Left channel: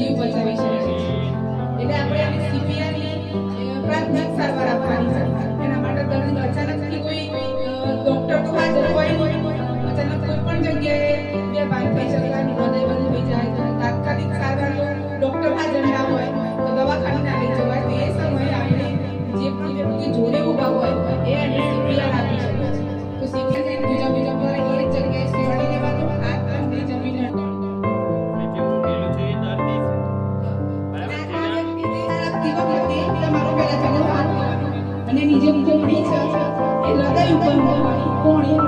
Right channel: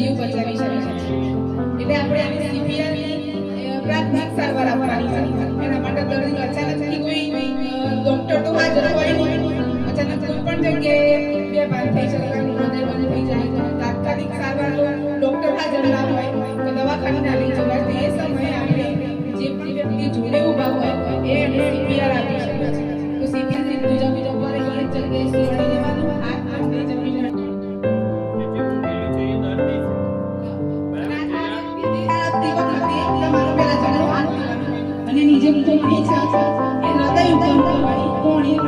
જીવ બચાવી શકે છે. એટલે આપણે એને CPR ની પ્રાથમિક સારવાર આપવાની છે. એના માટે દર્દી અચાનકથી કોઈ ડોક્ટર તો હાજર હોય નહીં, અચાનક કોઈ પણ જગ્યાએ બેભાન થઈ જાય, હૃદય બંધ થઈ જાય, તાત્કાલિક સારવાર ડોક્ટર હાજર ના હોય તો દવાખાને ના લઈ જવાય. તો એ સમયે આપણે જે વ્યક્તિ જોડે ઊભા હોય એ એને CPR આપી શકે છે. તો CPR બીજા પર એ જગ્યાએ સેવાડી લેવાનું, હાથ પગને જમીન અને નીચે કોણી છે એ હૃદય ઉપર કોણી